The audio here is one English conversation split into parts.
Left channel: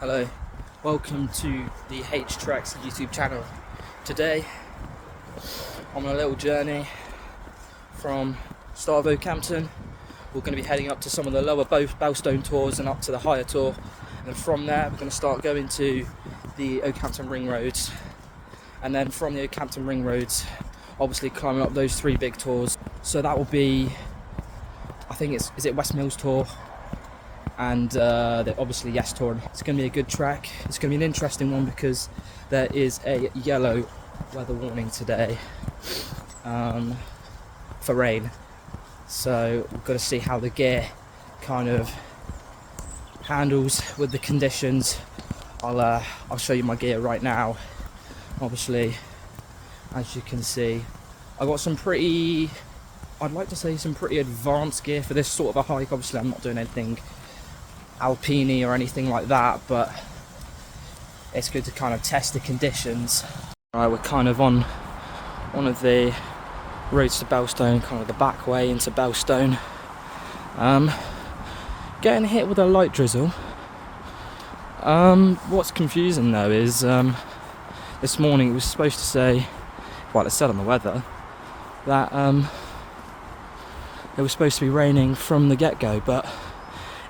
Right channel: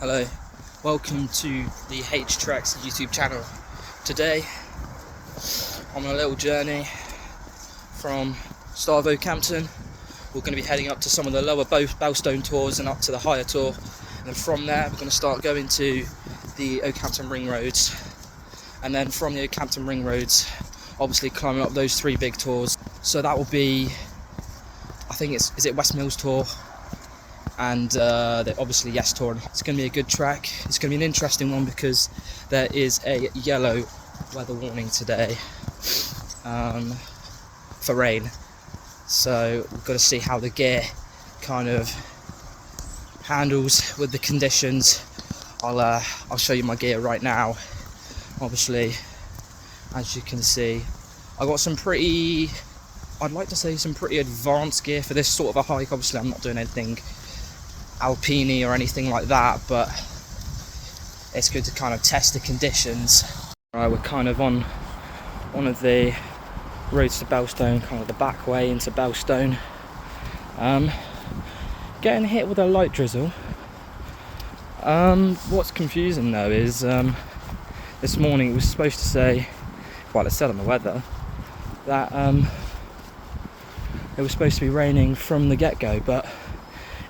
Hello, welcome to the H Tracks YouTube channel. Today I'm on a little journey from start of Oakhampton. We're going to be heading up to some of the lower Bellstone tours and up to the higher tour, and then from there we're going to start going to the Oakhampton ring roads, and then from the Oakhampton ring roads obviously climbing up those three big tours. So that will be, I think is it West Mills tour and obviously Yes tour. It's going to be a good track. It's going to be an interesting one because there is a yellow weather warning today for rain, so we've got to see how the gear kind of handles with the conditions. I'll show you my gear right now. Obviously, as you can see, I got some pretty, I'd like to say some pretty advanced gear for this sort of a hike. Obviously I'm not doing anything alpine or anything like that, but it's good to kind of test the conditions. Alright, we're kind of on one of the roads to Bellstone, kind of the back way into Bellstone. Getting hit with a light drizzle. What's confusing though is this morning it was supposed to say, well, it said on the weather that it was supposed to be raining from the get-go, but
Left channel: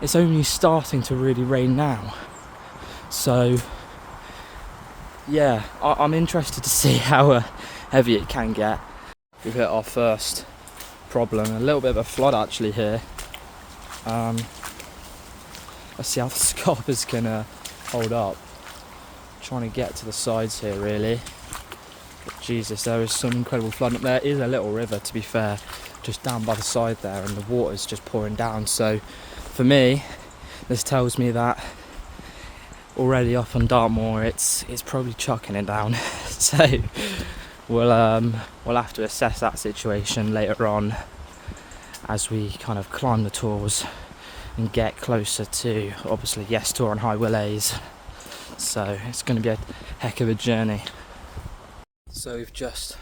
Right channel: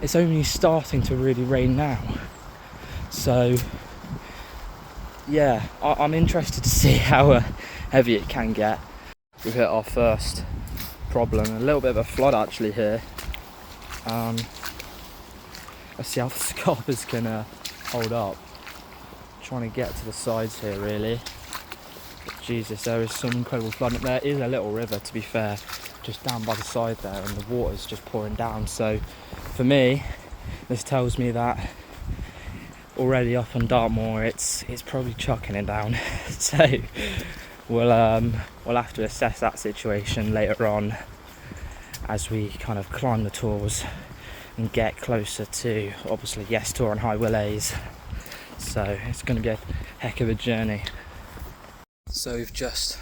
it's only starting to really rain now. So yeah, I'm interested to see how heavy it can get. We've hit our first problem, a little bit of a flood actually here. Let's see how the scarpers can hold up. Trying to get to the sides here really. But Jesus, there is some incredible flood. There is a little river, to be fair, just down by the side there, and the water's just pouring down. So for me, this tells me that already up on Dartmoor it's probably chucking it down. So we'll have to assess that situation later on as we kind of climb the tours and get closer to obviously Yes Tour and High Willys. So it's going to be a heck of a journey. So we've just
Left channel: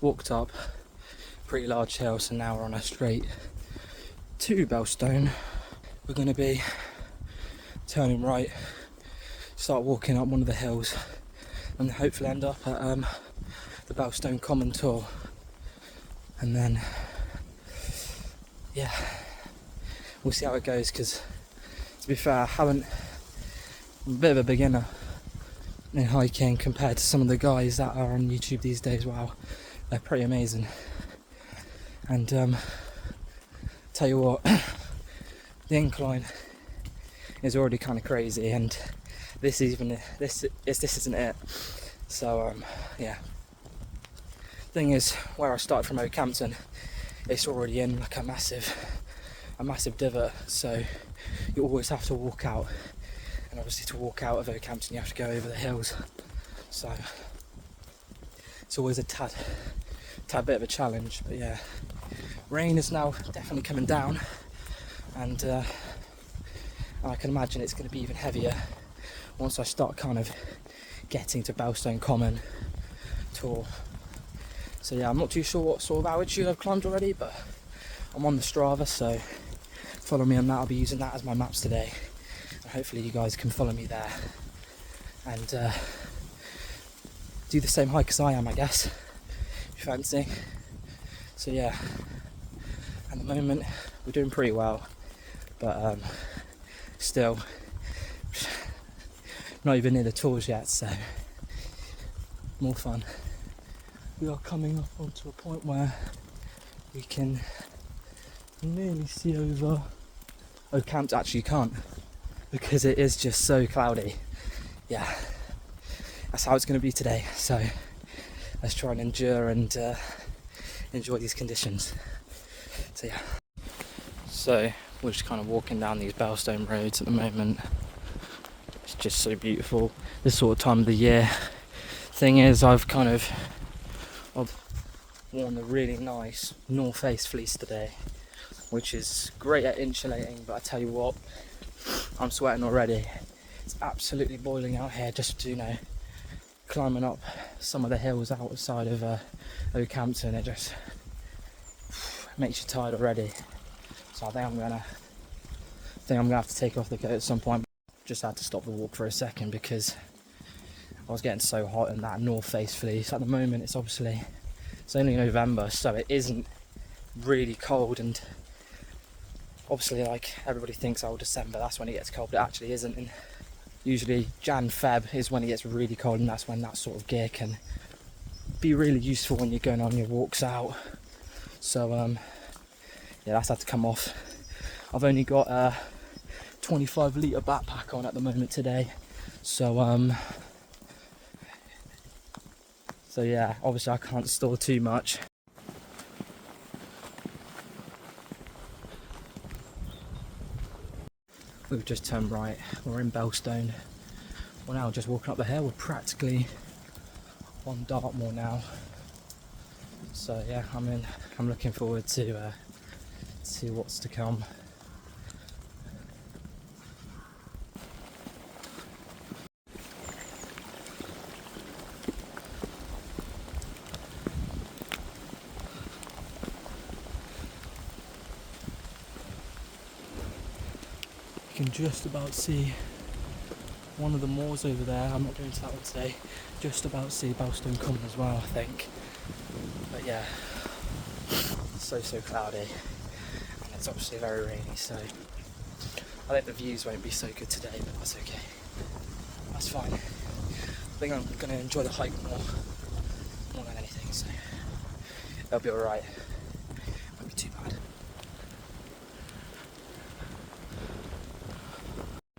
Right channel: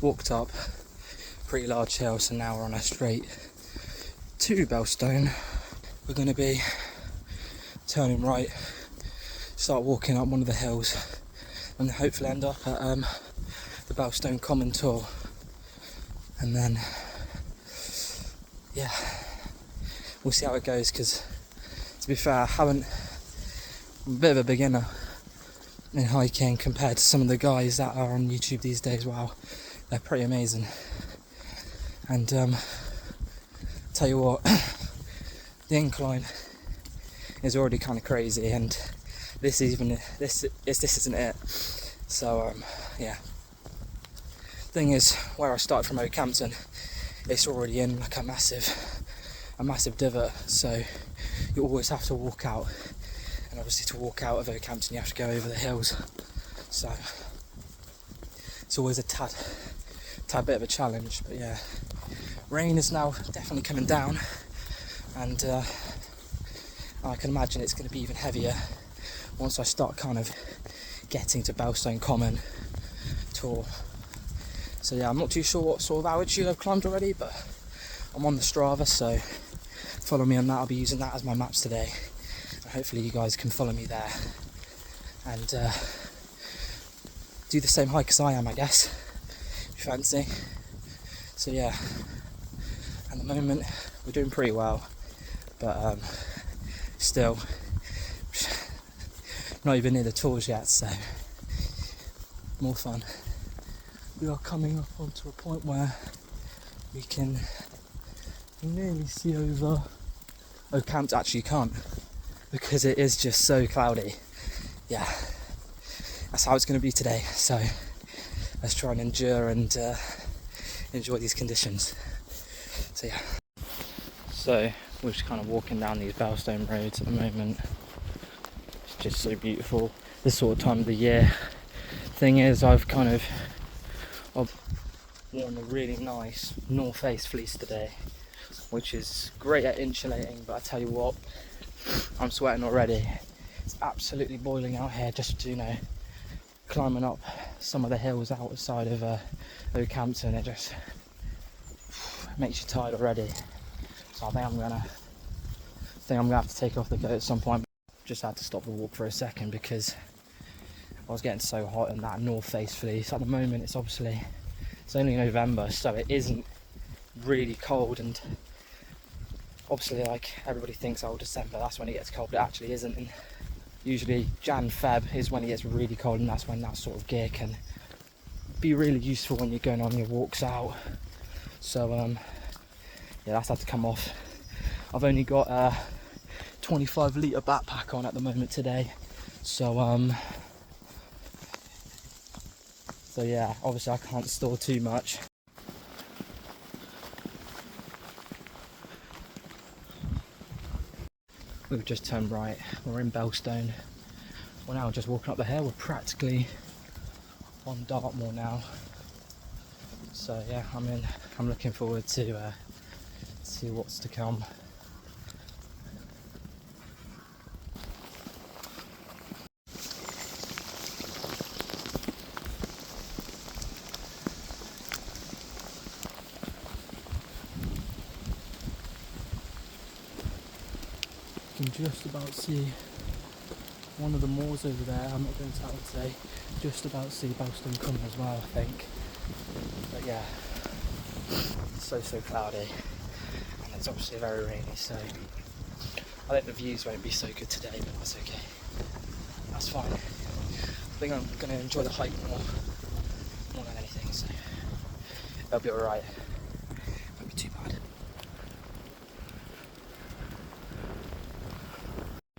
walked up a pretty large hill, so now we're on a straight to Bellstone. We're going to be turning right, start walking up one of the hills, and hopefully end up at the Bellstone Common Tour. And then yeah, we'll see how it goes, because to be fair, I'm a bit of a beginner in hiking compared to some of the guys that are on YouTube these days. Wow, they're pretty amazing. And tell you what, the incline is already kind of crazy, and this isn't it. So yeah, thing is, where I started from Oakhampton, it's already in like a massive divot, so you always have to walk out, and obviously to walk out of Oakhampton you have to go over the hills, so it's always a tad bit of a challenge. But yeah, rain is now definitely coming down, and I can imagine it's going to be even heavier once I start kind of getting to Bellstone Common Tour. So yeah, I'm not too sure what sort of altitude I've climbed already, but I'm on the Strava, so follow me on that. I'll be using that as my maps today, and hopefully you guys can follow me there and do the same hike as I am, I guess, if you fancy. So yeah, at the moment we're doing pretty well, but still not even near the tours yet, so more fun. We are coming up onto a point where we can nearly see over Oakhampton. Actually you can't, because it is just so cloudy. Yeah, that's how it's going to be today, so let's try and endure and enjoy these conditions. So yeah, so we're just kind of walking down these Bellstone roads at the moment. It's just so beautiful this sort of time of the year. Thing is, I've worn a really nice North Face fleece today, which is great at insulating, but I tell you what, I'm sweating already. It's absolutely boiling out here, just, you know, climbing up some of the hills outside of Oakhampton. It just makes you tired already. So I think I'm gonna have to take off the coat at some point. just had to stop the walk for a second because I was getting so hot in that north face fleece. At the moment it's only November, so it isn't really cold, and obviously like everybody thinks, oh, December, that's when it gets cold, but it actually isn't. And usually Jan, Feb is when it gets really cold, and that's when that sort of gear can be really useful when you're going on your walks out. So yeah, that's had to come off. I've only got a 25 litre backpack on at the moment today, so yeah, obviously I can't store too much. We've just turned right, we're in Belstone. We're now just walking up the hill, we're practically on Dartmoor now. So yeah, I'm looking forward to see what's to come. You can just about see one of the moors over there. I'm not going to that one today. Just about see Belstone Common as well, I think. But yeah, it's so cloudy, and it's obviously very rainy, so I think the views won't be so good today, but that's okay. That's fine. I think I'm going to enjoy the hike more than anything, so it'll be alright. Won't be too bad.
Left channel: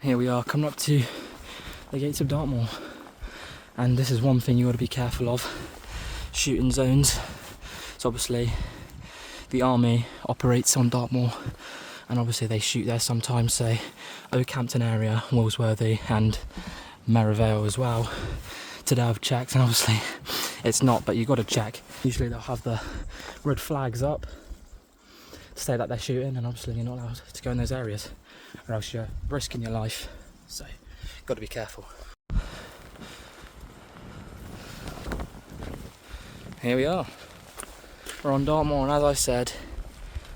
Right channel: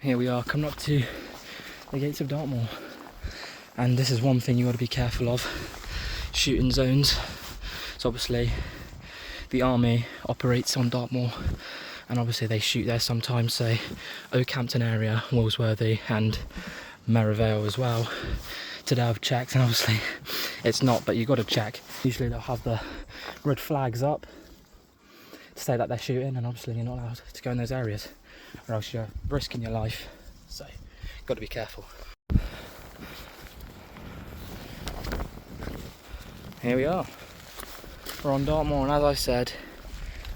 Here we are, coming up to the gates of Dartmoor, and this is one thing you got to be careful of: shooting zones. So obviously the army operates on Dartmoor, and obviously they shoot there sometimes, say Oakhampton area, Walsworthy and Merivale as well. Today I've checked and obviously it's not, but you've got to check. Usually they'll have the red flags up to say that they're shooting, and obviously you're not allowed to go in those areas, or else you're risking your life, so got to be careful. Here we are, we're on Dartmoor, and as I said,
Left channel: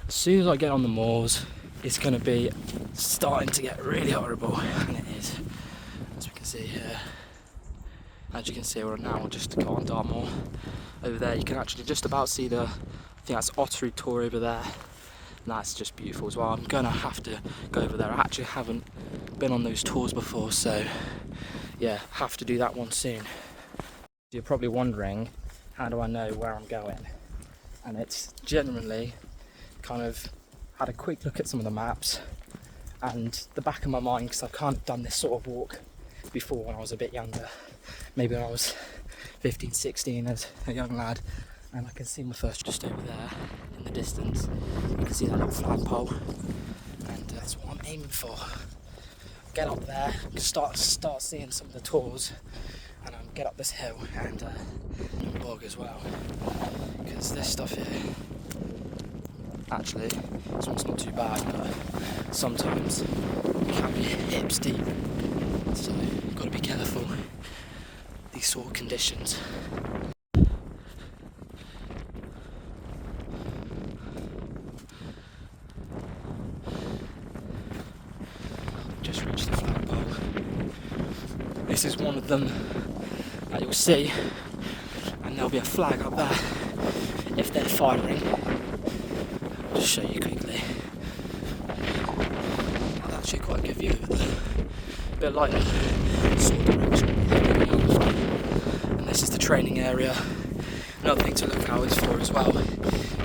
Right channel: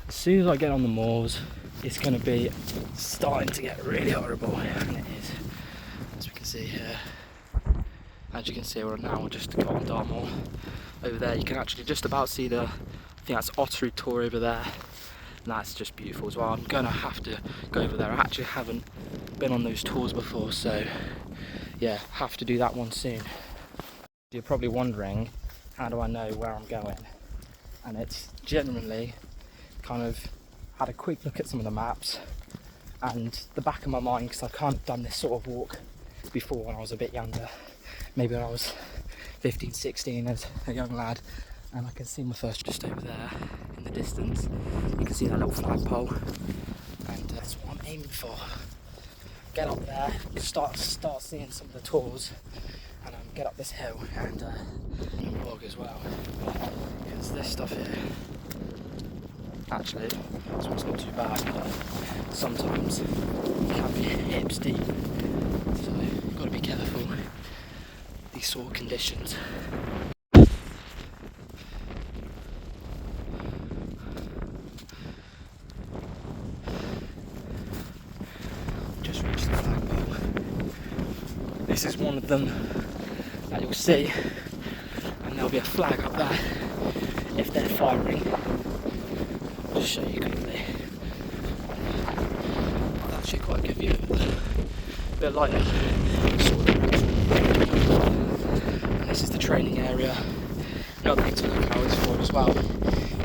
as soon as I get on the moors it's going to be starting to get really horrible, and it is, as we can see here. As you can see, we're now just got on Dartmoor. Over there you can actually just about see I think that's Ottery Tor over there, and that's just beautiful as well. I'm going to have to go over there. I actually haven't been on those tours before, so yeah, have to do that one soon. You're probably wondering, how do I know where I'm going? And it's generally kind of had a quick look at some of the maps, and the back of my mind, because I've kind of done this sort of walk before when I was a bit younger, maybe when I was 15, 16 as a young lad, and I can see my first just over there in the distance. You can see that little flagpole, and that's what I'm aiming for. Get up there, start seeing some of the tours, and get up this hill and bog as well, because this stuff here, actually, this one's not too bad, but sometimes it can be hips deep, so you've got to be careful these sort of conditions. Just reached the flagpole. This is one of them that you'll see, and there'll be a flag up there if they're firing. I'll just show you quickly. I'll actually quite a good view of it. A bit lighter sort of direction. And this is the training area. Another thing to look out is for as well,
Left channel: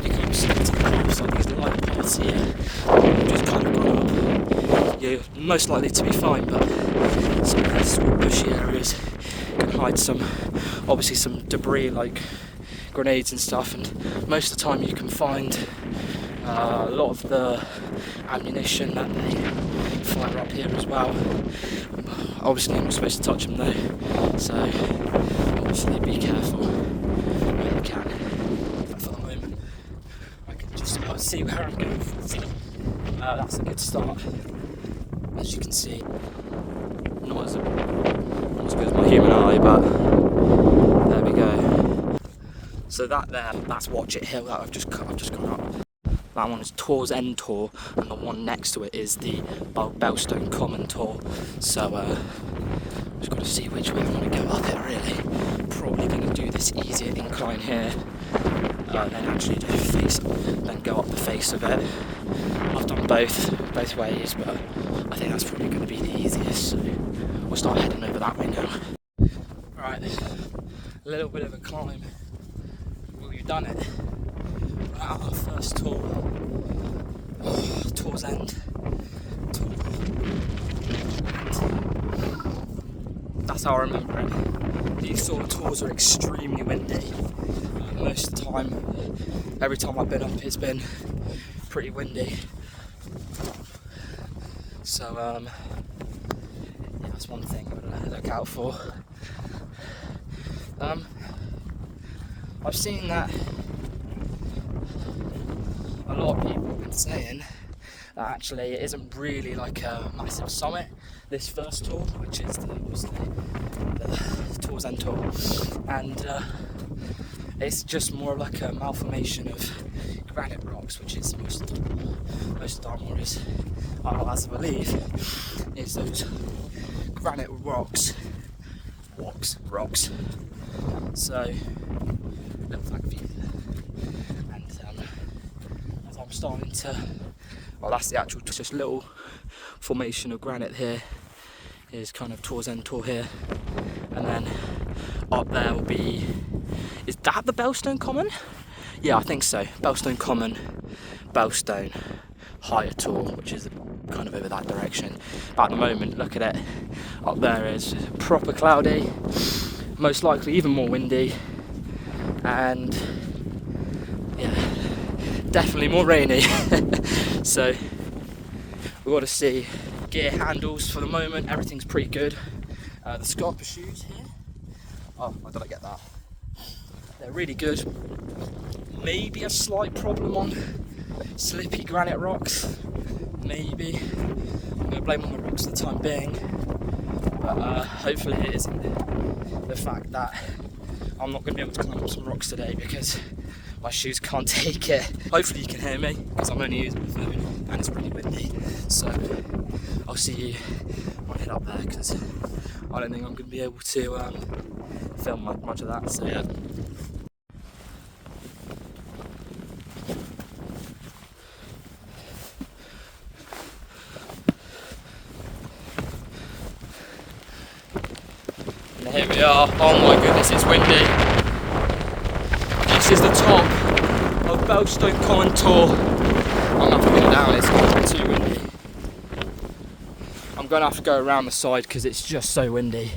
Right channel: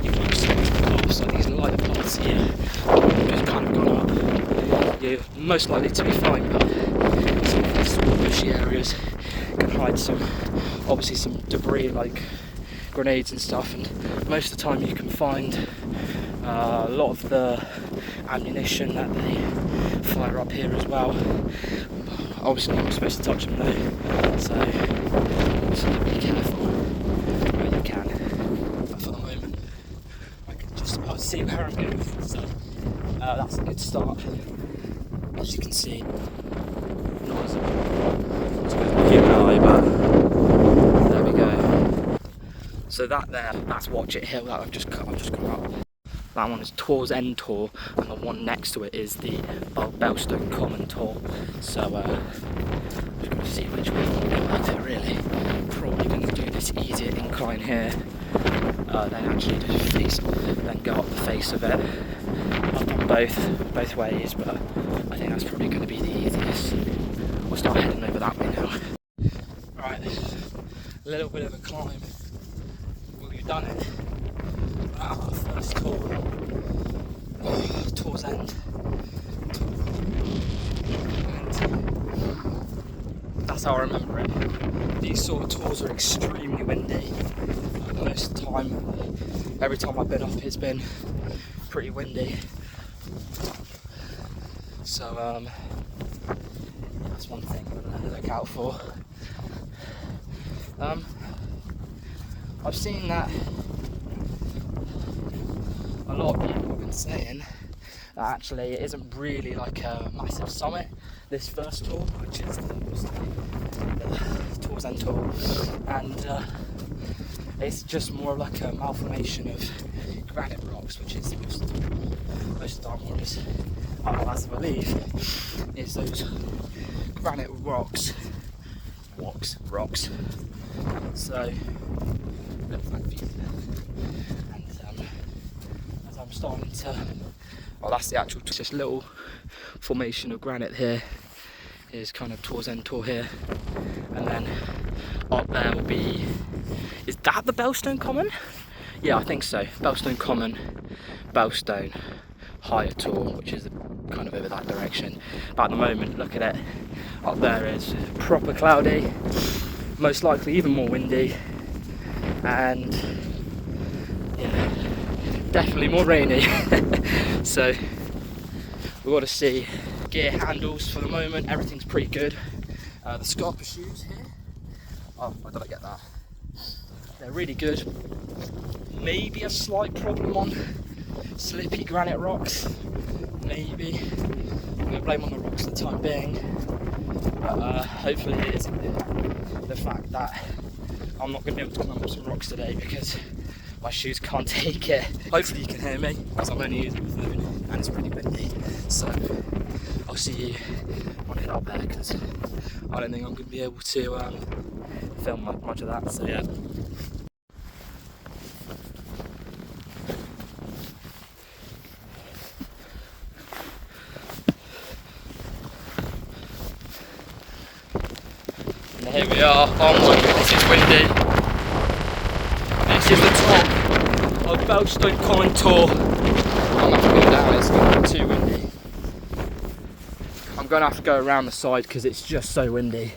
you keep seeing to the path, so these light points here just kind of gone up. You're most likely to be fine, but some of these sort of bushy areas can hide obviously some debris like grenades and stuff, and most of the time you can find a lot of the ammunition that they fire up here as well. Obviously I'm not supposed to touch them though, so obviously be careful where you can. But for the moment I can just about see where I'm going, so that's a good start. As you can see, not as good as the human eye, but there we go. So that's Watch It Hill that I've just gone up. That one is Tour's End Tour, and the one next to it is the Belstone Common Tour. So just got to see which way I want to go at it really. Probably going to do this easier incline here, then actually then go up the face of it. I've done both ways, but I think that's probably going to be the easiest. We'll start heading over that way now. Right, a little bit of a climb. We've done it. Our first tour, Tour's End. That's how I remember it. These sort of tours are extremely windy. Most of the time, every time I've been up, it's been pretty windy. So that's one thing I'm gonna look out for. I've seen that a lot of people have been saying that actually it isn't really like a massive summit, this first tour, which is the Tour's End Tour, and it's just more like a malformation of granite rocks, which is most Dartmoor is, as I believe, is those granite rocks. So, thank you. And as I'm starting to, well, that's the actual, just little formation of granite here is kind of Tour's End Tour here, and then up there will be, is that the Belstone Common? Yeah, I think so. Belstone Common, Belstone Higher Tour, which is kind of over that direction. But at the moment, look at it, up there is proper cloudy, most likely even more windy, and yeah, definitely more rainy. So we've got to see. Gear handles for the moment, everything's pretty good. The Scarpa shoes here, oh, why did I get that? They're really good. Maybe a slight problem on slippy granite rocks, maybe. I'm going to blame on the rocks for the time being, but hopefully it is the fact that I'm not going to be able to climb up some rocks today because my shoes can't take it. Hopefully you can hear me because I'm only using my phone and it's pretty windy. So I'll see you when I head up there because I don't think I'm going to be able to film much of that. So yeah. And here we are. Oh my goodness, it's windy. This is the top of Belstone Common Tour. I'm going to have to get out, it's going to be too windy. I'm going to have to go around the side because it's just so windy.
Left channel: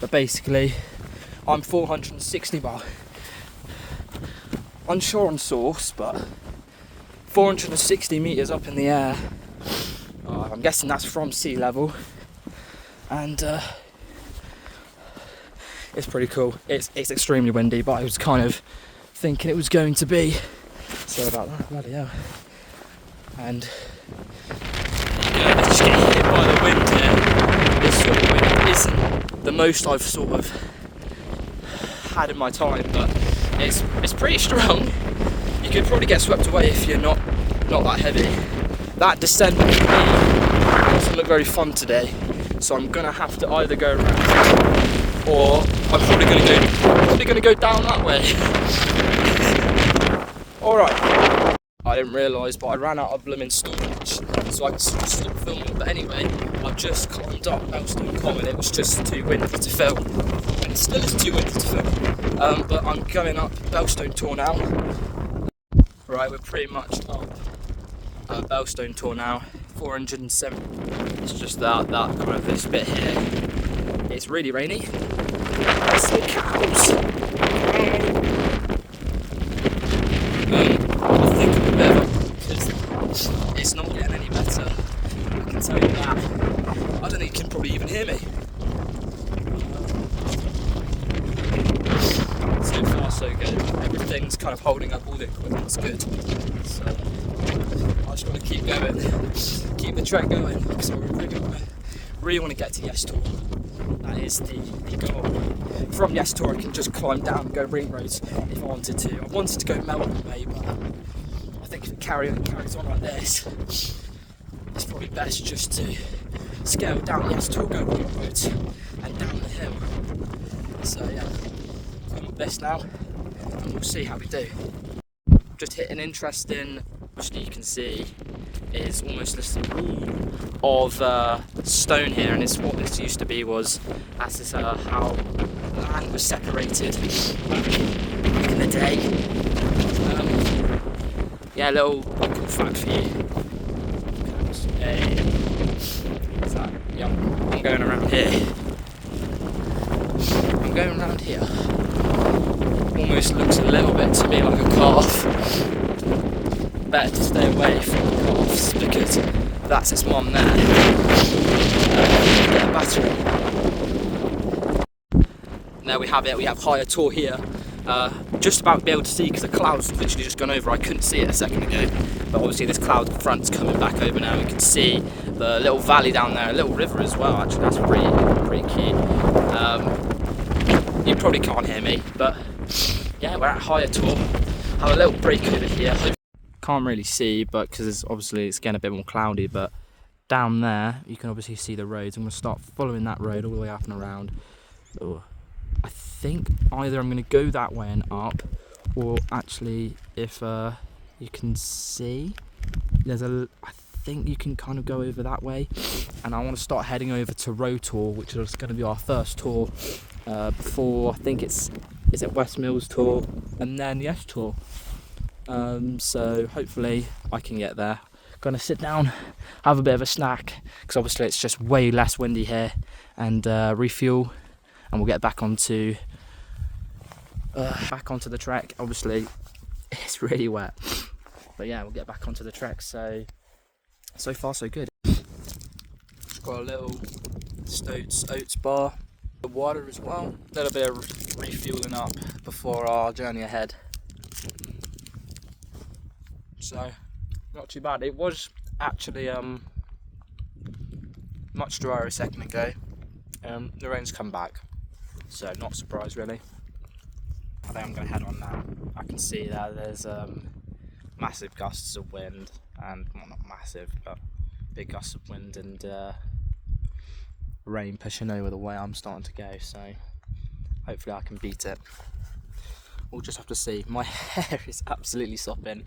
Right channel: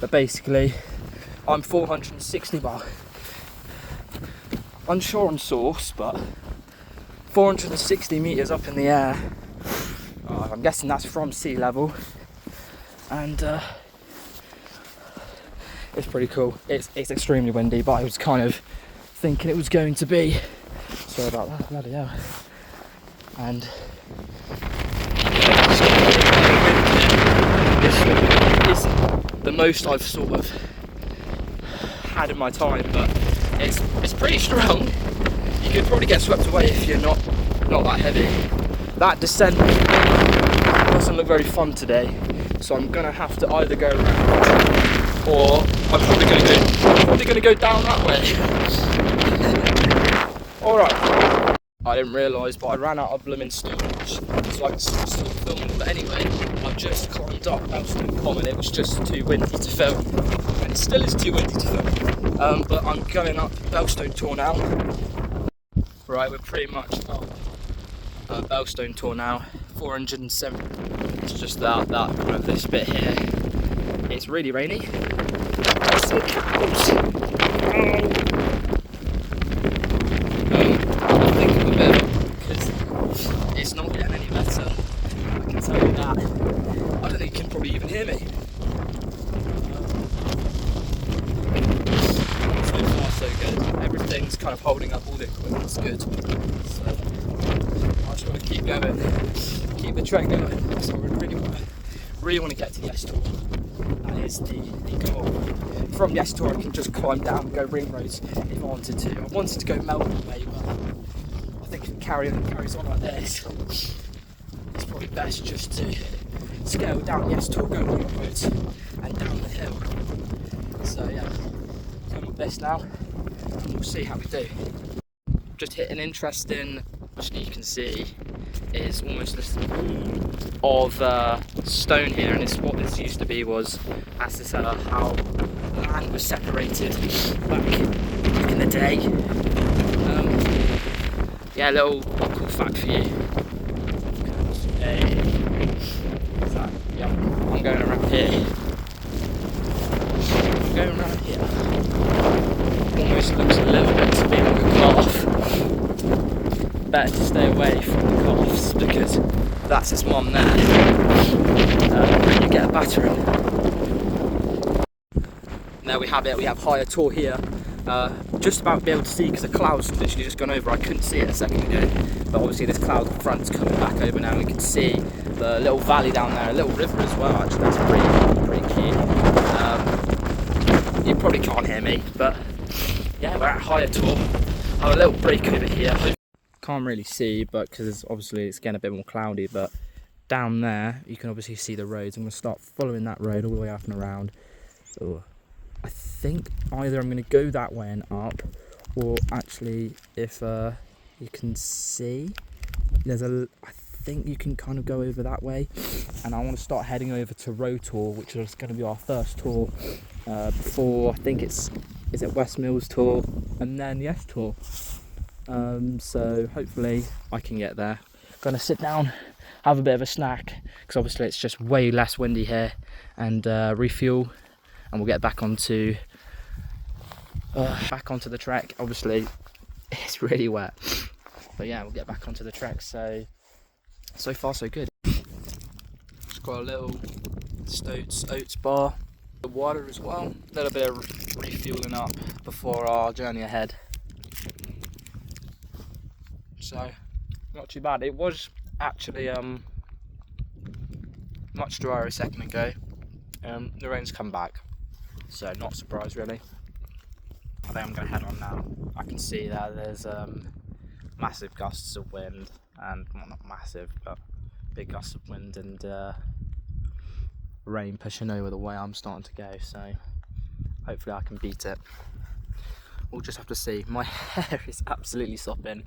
But basically, I'm 460 bar. Unsure on source, but 460 metres up in the air. I'm guessing that's from sea level. And it's pretty cool. It's extremely windy, but I was kind of thinking it was going to be. Sorry about that, bloody hell. And it's the most I've sort of had in my time, but it's pretty strong. You could probably get swept away if you're not that heavy. That descent doesn't look very fun today, so I'm gonna have to either go around or I'm probably gonna go down that way. Alright. I didn't realise, but I ran out of blooming storage, so I could stop filming. But anyway, I've just climbed up Belstone Common. It was just too windy to film, and it still is too windy to film. But I'm going up Belstone Tour now. Right, we're pretty much up Belstone Tour now. 407. It's just that kind of this bit here. It's really rainy. There's some cows. I'm thinking a bit because it's not getting any better. I can tell you that. I don't think you can probably even hear me. So far so good. Everything's kind of holding up, all the equipment's good. So I just want to keep going, keep the trek going. So we really want to get to Yes Tour. That is the goal. From Yes Tour, I can just climb down and go ring roads if I wanted to. I wanted to go Melbourne way, but I think if it carries on like this, it's probably best just to scale down the S-Tour, go on the roads and down the hill. So yeah, I'm on this now, and we'll see how we do. Just hit an interesting, which you can see is almost this of stone here, and it's what this used to be was, as is how land was separated back in the day. Yeah, a little cool fact for you. Is that? Yeah, I'm going around here. I'm going around here. Almost looks a little bit to me like a calf. Better to stay away from the calves because that's its mum there. Get a battering. There we have it. We have higher tour here. Just about to be able to see because the cloud's literally just gone over. I couldn't see it a second ago, but obviously this cloud front's coming back over now. We can see the little valley down there, a little river as well. Actually, that's pretty cute. You probably can't hear me, but yeah, we're at higher tour. Have a little break over here. Can't really see, but because obviously it's getting a bit more cloudy. But down there, you can obviously see the roads. I'm going to start following that road all the way up and around. Oh. I think either I'm going to go that way and up, or actually if you can see, I think you can kind of go over that way, and I want to start heading over to Road Tour, which is going to be our first tour before, I think is it West Mills Tour and then Yes Tour. So hopefully I can get there. Gonna sit down, have a bit of a snack, because obviously it's just way less windy here, and refuel. And we'll get back onto the trek. Obviously, it's really wet, but yeah, we'll get back onto the trek. So far so good. Just got a little oats bar, the water as well. A little bit of refueling up before our journey ahead. So not too bad. It was actually much drier a second ago. The rain's come back. So not surprised really. I think I'm going to head on now. I can see that there's massive gusts of wind, and well, not massive, but big gusts of wind and rain pushing over the way I'm starting to go. So hopefully I can beat it. We'll just have to see. My hair is absolutely sopping.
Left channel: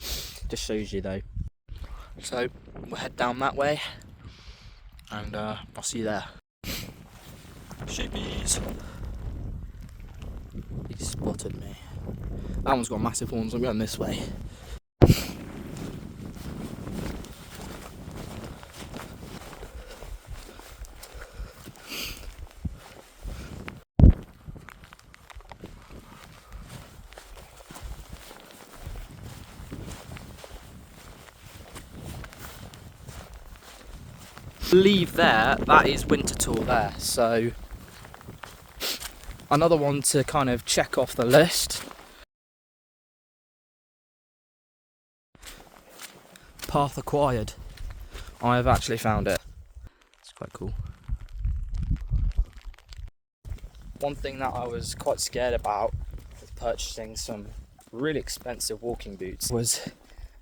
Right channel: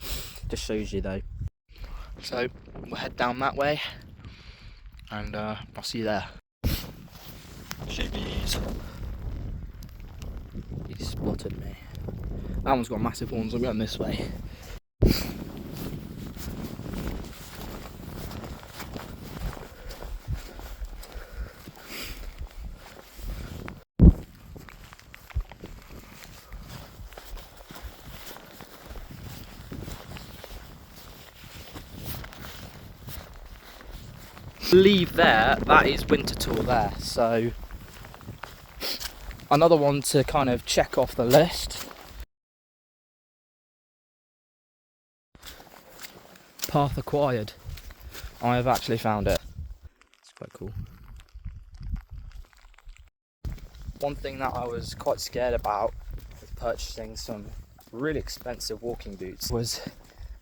Just shows you though. So we'll head down that way, and I'll see you there. Sheepies. He spotted me. That one's got massive horns. I'm going this way. Leave there, that is winter tour there, so another one to kind of check off the list. Path acquired. I have actually found it. It's quite cool. One thing that I was quite scared about with purchasing some really expensive walking boots was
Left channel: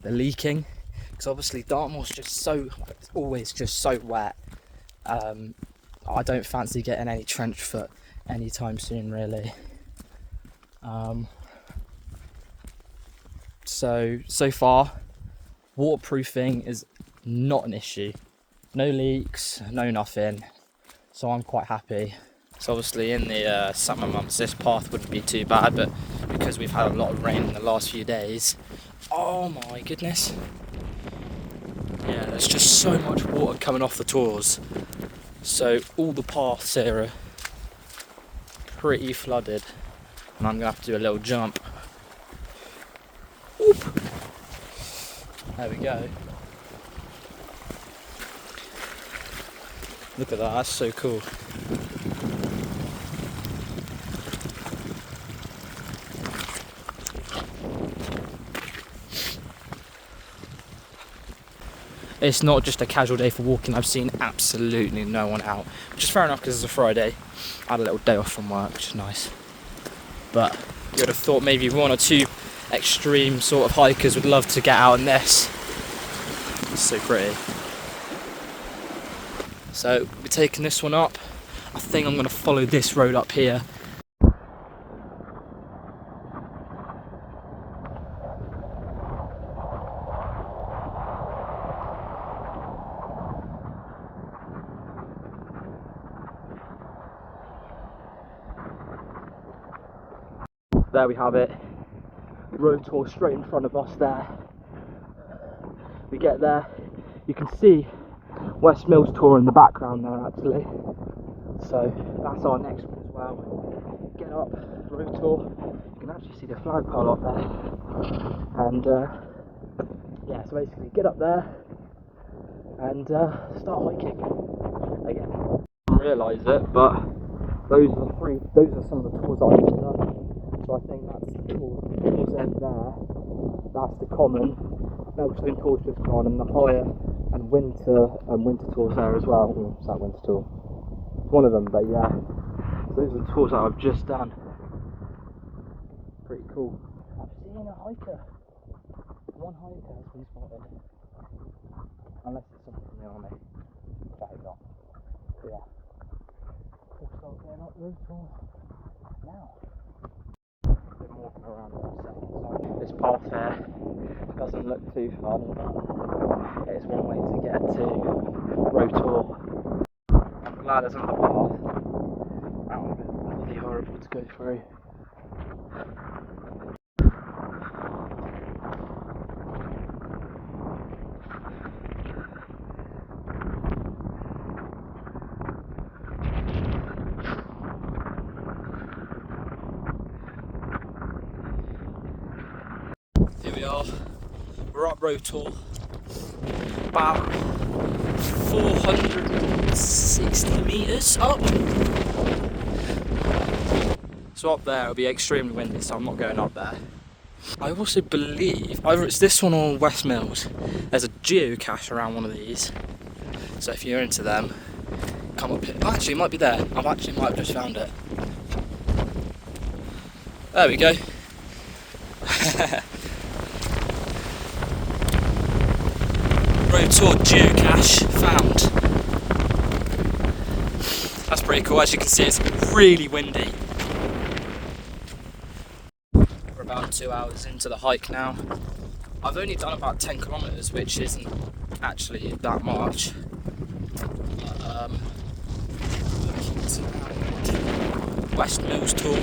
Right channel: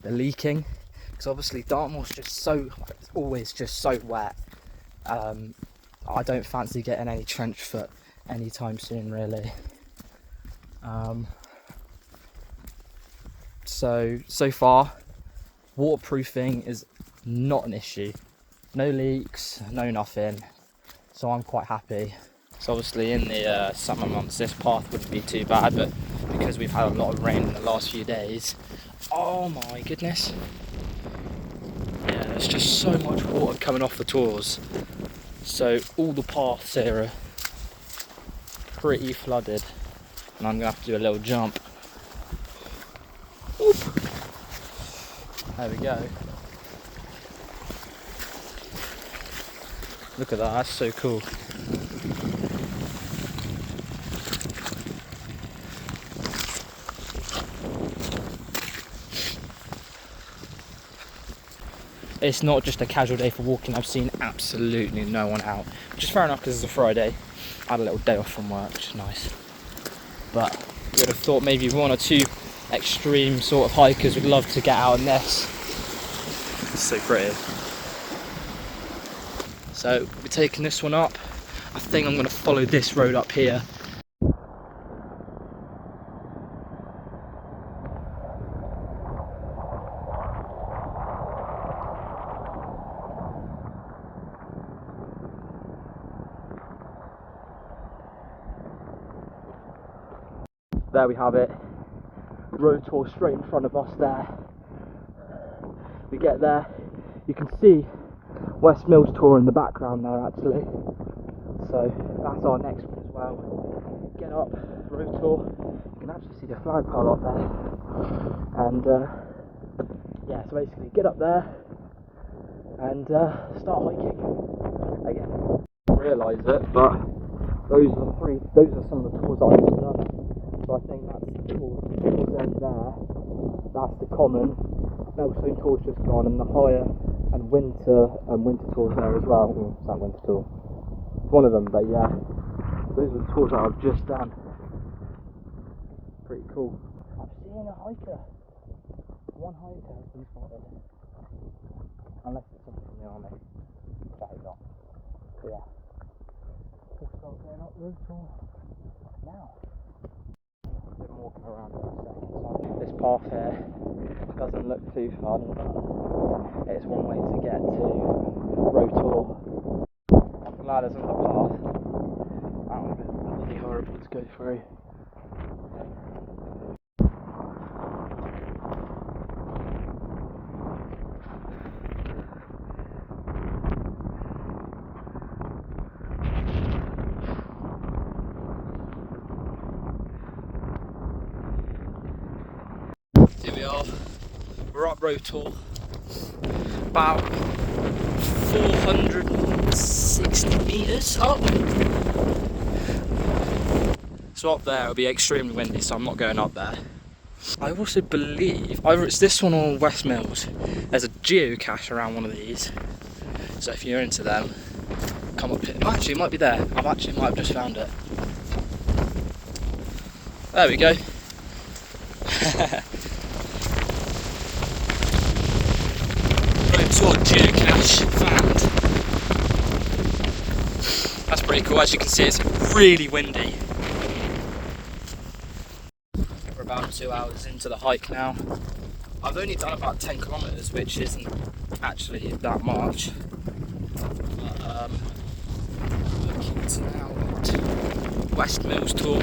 the leaking, because obviously Dartmoor's always just so wet. I don't fancy getting any trench foot anytime soon really. So far waterproofing is not an issue. No leaks, no nothing, so I'm quite happy. So obviously in the summer months this path wouldn't be too bad, but because we've had a lot of rain in the last few days, oh my goodness, yeah, there's just so much water coming off the tours, so all the paths here are pretty flooded, and I'm gonna have to do a little jump. Whoop. There we go. Look at that, that's so cool. It's not just a casual day for walking. I've seen absolutely no one out, which is fair enough because it's a Friday. I had a little day off from work, which is nice. But You would have thought maybe 1 or 2 extreme sort of hikers would love to get out on this. It's so pretty. So we're taking this one up. I think I'm going to follow this road up here. There we have it. Road tour straight in front of us there. We get there, you can see West Mills Tour in the background there actually. So that's our next one as well. Get up, road tour. You can actually see the flagpole up there. And yeah, so basically get up there and start hiking again. I didn't realise it, but those are some of the tours that I've done. So I think that's the tour's end there. That's the common. Melstone tour's just gone, and the higher and winter tours there as well. It's that winter tour. One of them, but yeah. Those are the tours that I've just done. Pretty cool. I've seen a hiker. One hiker has been spotted. Unless it's someone from the army. Which I hope not. But yeah. We'll start getting up the road tour now. Been walking around for a second. This path here doesn't look too fun, but it's one way to get to road tour. I'm glad there's another path. That would have been really horrible to go through. Here we are, we're up road tour, about 460 metres up. So up there it'll be extremely windy, so I'm not going up there. I also believe, either it's this one or West Mills, there's a geocache around one of these. So if you're into them, come up here. Oh, actually it might be there, I might have just found it. There we go. Road tour geocache found. That's pretty cool. As you can see, it's really windy. We're about 2 hours into the hike now. I've only done about 10 kilometres, which isn't actually that much. But, looking to now West Mills Tour.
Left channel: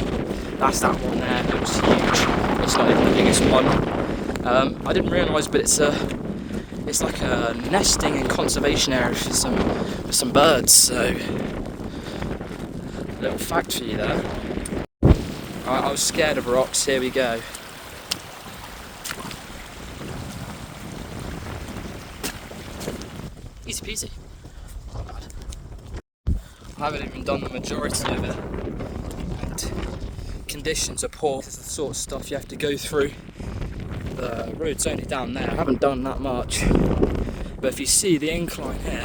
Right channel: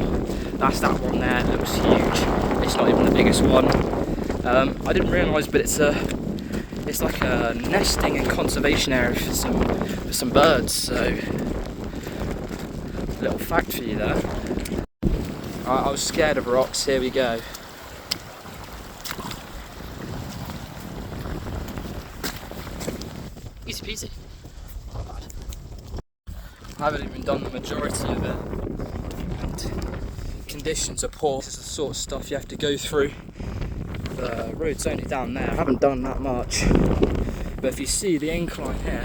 That's that one there. It looks huge. It's not even the biggest one. I didn't realise, but it's like a nesting and conservation area for some birds, so little fact for you there. I was scared of rocks, here we go. Easy peasy. Not bad. I haven't even done the majority of it, and conditions are poor. This is the sort of stuff you have to go through. The road's only down there, I haven't done that much, but if you see the incline here,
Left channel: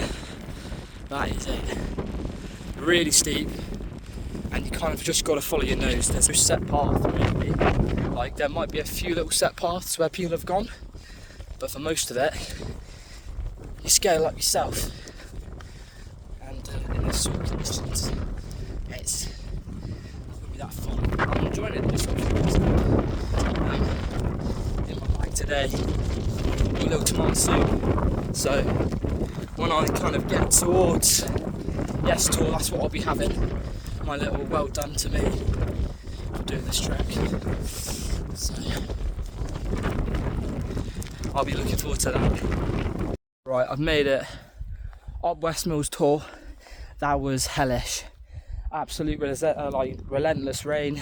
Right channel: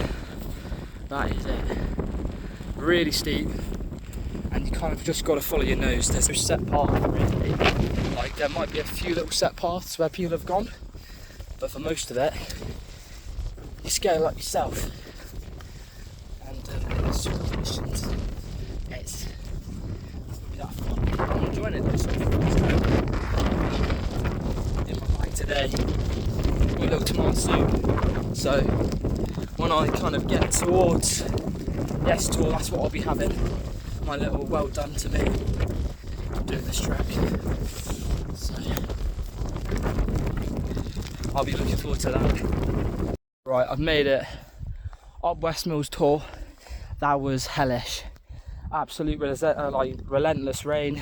that is it. Really steep, and you kind of just got to follow your nose. There's no set path really. Like there might be a few little set paths where people have gone, but for most of it, you scale like yourself. And it's not be that fun. I'm enjoying it though. Today, got a little tomato soup, so when I kind of get towards Yes Tour, that's what I'll be having, my little well done to me doing this trek. So I'll be looking forward to that. Right, I've made it up West Mills Tour. That was hellish, absolute relentless rain.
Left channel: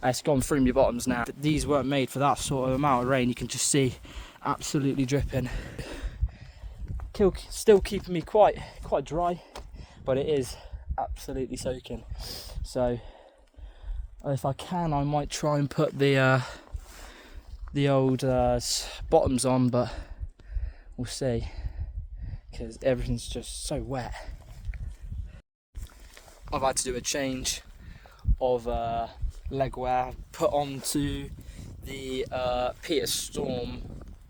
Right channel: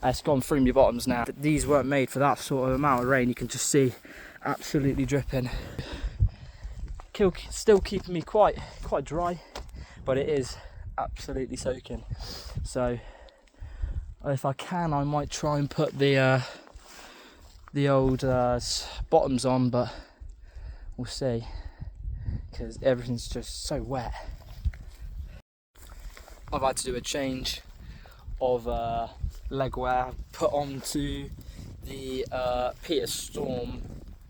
It's gone through my bottoms now. These weren't made for that sort of amount of rain. You can just see absolutely dripping. Still keeping me quite dry, but it is absolutely soaking. So if I can, I might try and put the old bottoms on, but we'll see, because everything's just so wet. I've had to do a change of legwear, put onto the Peter Storm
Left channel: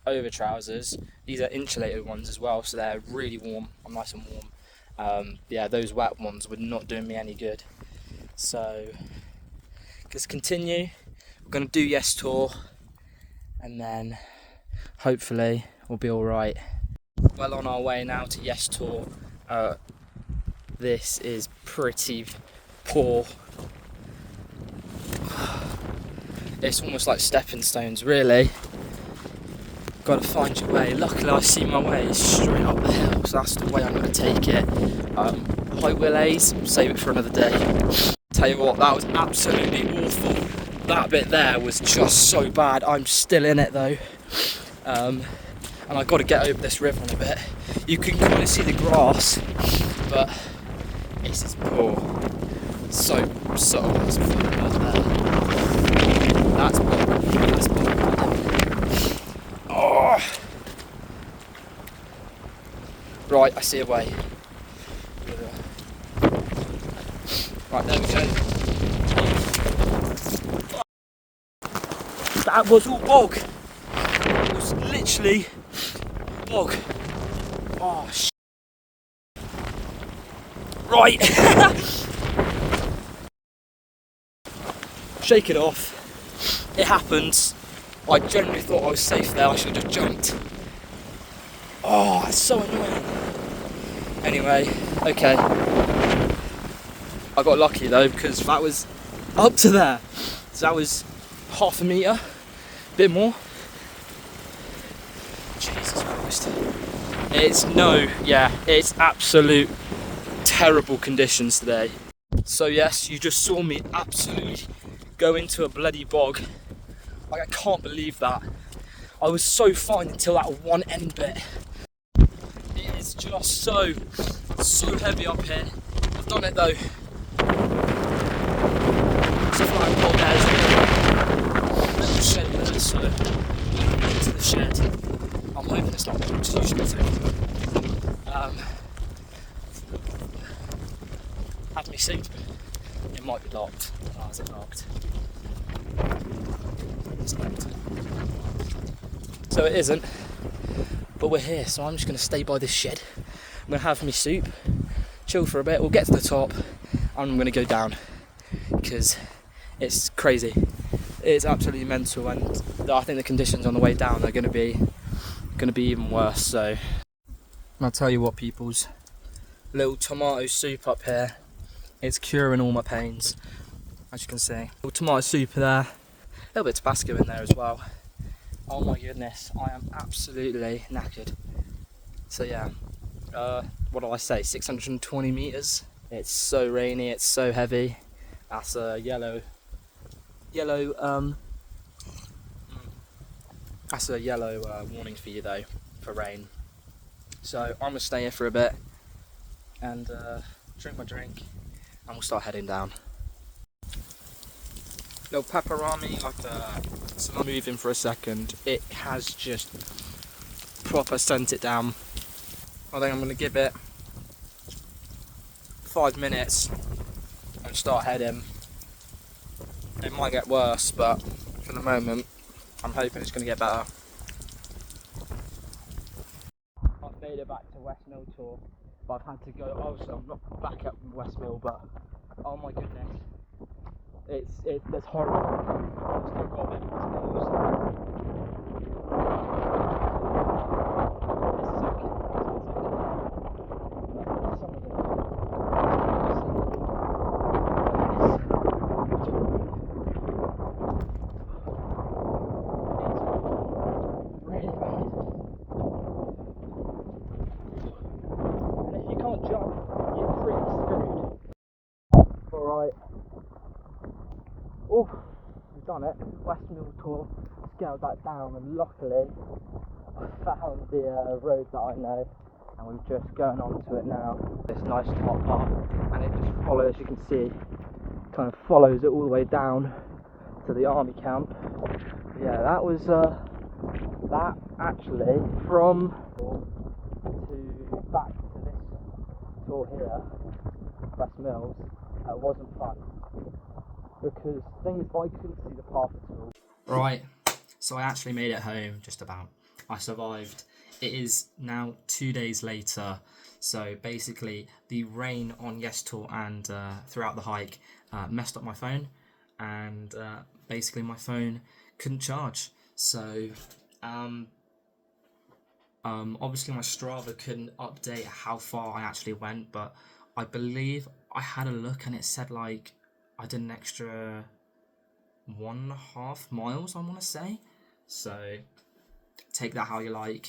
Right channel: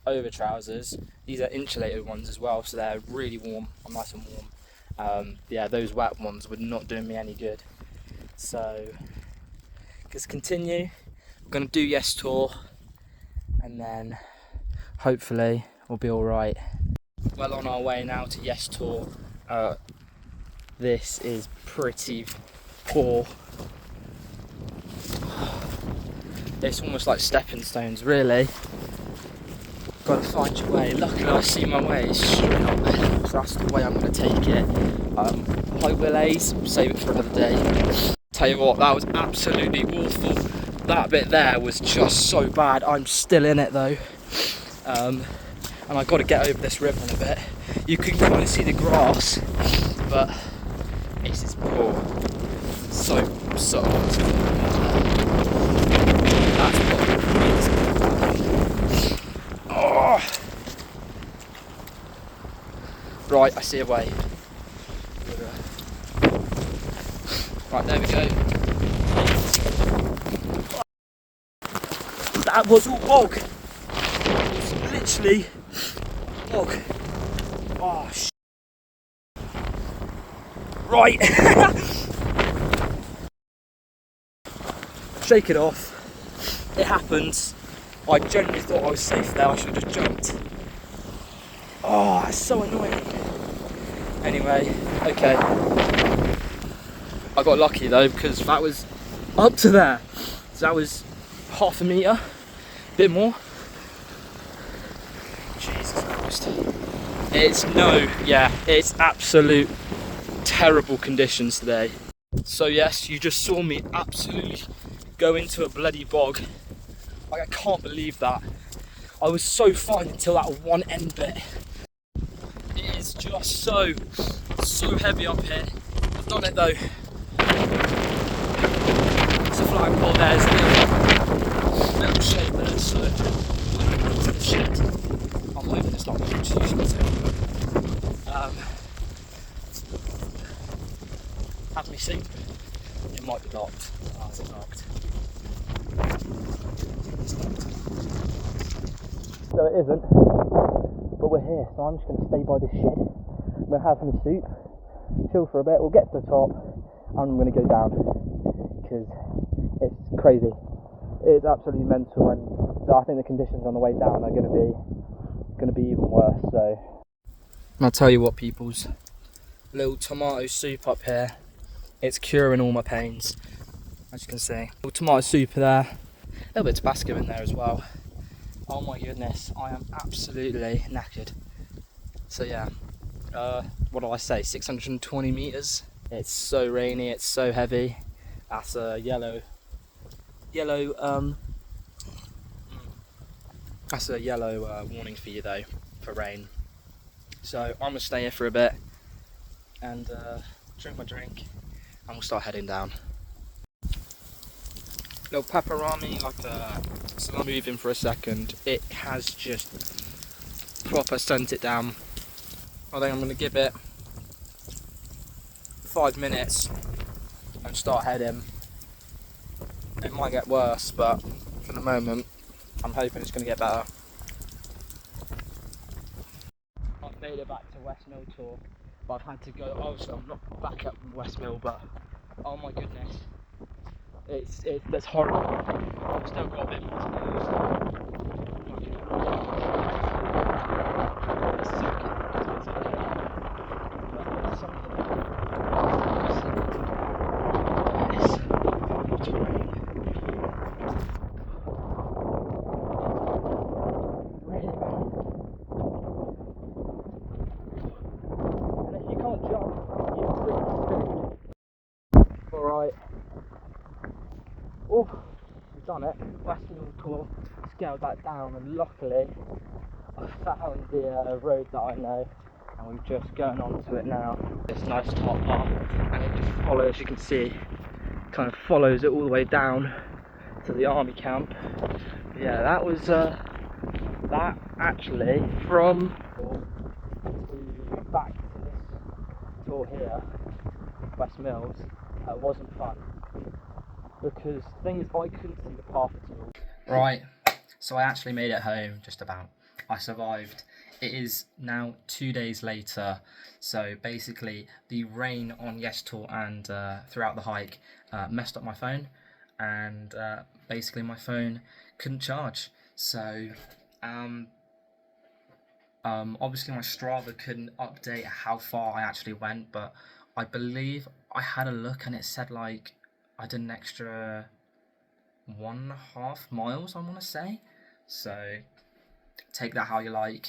over trousers. These are insulated ones as well, so they're really warm. I'm nice and warm. Yeah, those wet ones were not doing me any good. So let's continue. We're gonna do Yes Tour, and then hopefully we'll be all right. Well on our way now to Yes Tour. This is pretty poor. It's almost like stepping stones, really. Gotta find your way. Luckily I see my way straight up the hill, so that's the way I'm gonna take it. High Willays, save it for another day. Tell you what, that was absolutely awful. That bit there was just so bad. I'm still in it though. And I've got to get over this river in a bit. You can kind of see the grass, but this is poor. So that's oh. Right, I see a way. Right, there we go. That was all bog. It was literally bog. Oh, right. Shake it off. It happens. I genuinely thought I was safe there. I should have just jumped. Oh, that's so annoying. Anyway, okay. I got lucky though, because that was up to there. So that was half a metre, a bit more. Jesus Christ. It's absolute terrible conditions today. So yes, you just saw me absolutely go into a bloody bog. Like, I can't believe that. I was so fine until that one end bit. It is just so heavy up here. I've done it though. It's a flying pole there, isn't it? Let me save there, so into the shed. I'm hoping it's not too expensive. Have me seat. It might be locked. Oh, is it locked? It's locked. So it isn't, but we're here, so I'm just going to stay by this shed. I'm going to have me soup, chill for a bit, we'll get to the top, and I'm going to go down, because it's crazy. It's absolutely mental, and I think the conditions on the way down are going to be even worse. So I'll tell you what, peoples, little tomato soup up here, it's curing all my pains, as you can see. Little tomato soup there, a little bit of Tabasco in there as well. Oh my goodness, I am absolutely knackered. So yeah, what do I say, 620 metres. It's so rainy, it's so heavy. That's a yellow, that's a yellow warning for you though, for rain. So I'm gonna stay here for a bit and drink my drink, and we'll start heading down. Little pepperami, so I'm moving for a second. It has just proper sent it down. I think I'm going to give it 5 minutes and start heading. It might get worse, but for the moment I'm hoping it's going to get better. I've made it back to West Mill Tour, but I've had to go, obviously I'm not back up from West Mill, but oh my goodness. That's horrible. I've still got a bit more to do. And if you can't jump, you're pretty screwed. Alright. Oh, we've done it. West Mill Tour, scaled that down, and luckily I found the road that I know, and we're just going onto it now. This nice top part, and it just follows, you can see, kind of follows it all the way down to the army camp. Yeah, that was that actually from back to this tour here, West Mills, wasn't fun. because the thing is, I couldn't see the path at all. Right, so I actually made it home, just about. I survived. It is now 2 days later, so basically the rain on Yes Tour and throughout the hike messed up my phone, and basically my phone couldn't charge. So obviously my Strava couldn't update how far I actually went, but I believe I had a look and it said like I did an extra 1.5 miles, I want to say. So take that how you like.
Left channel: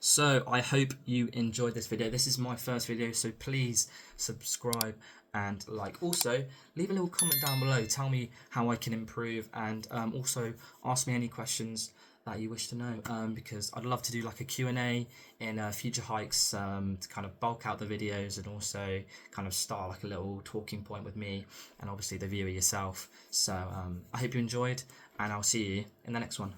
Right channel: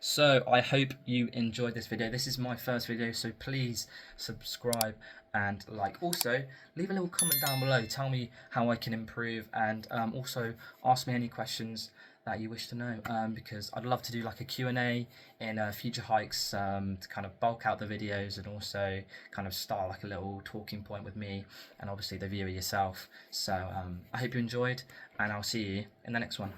So I hope you enjoyed this video. This is my first video, so please subscribe and like. Also, leave a little comment down below. Tell me how I can improve, and also ask me any questions that you wish to know, because I'd love to do like a Q&A in future hikes, to kind of bulk out the videos and also kind of start like a little talking point with me and obviously the viewer yourself. So I hope you enjoyed, and I'll see you in the next one.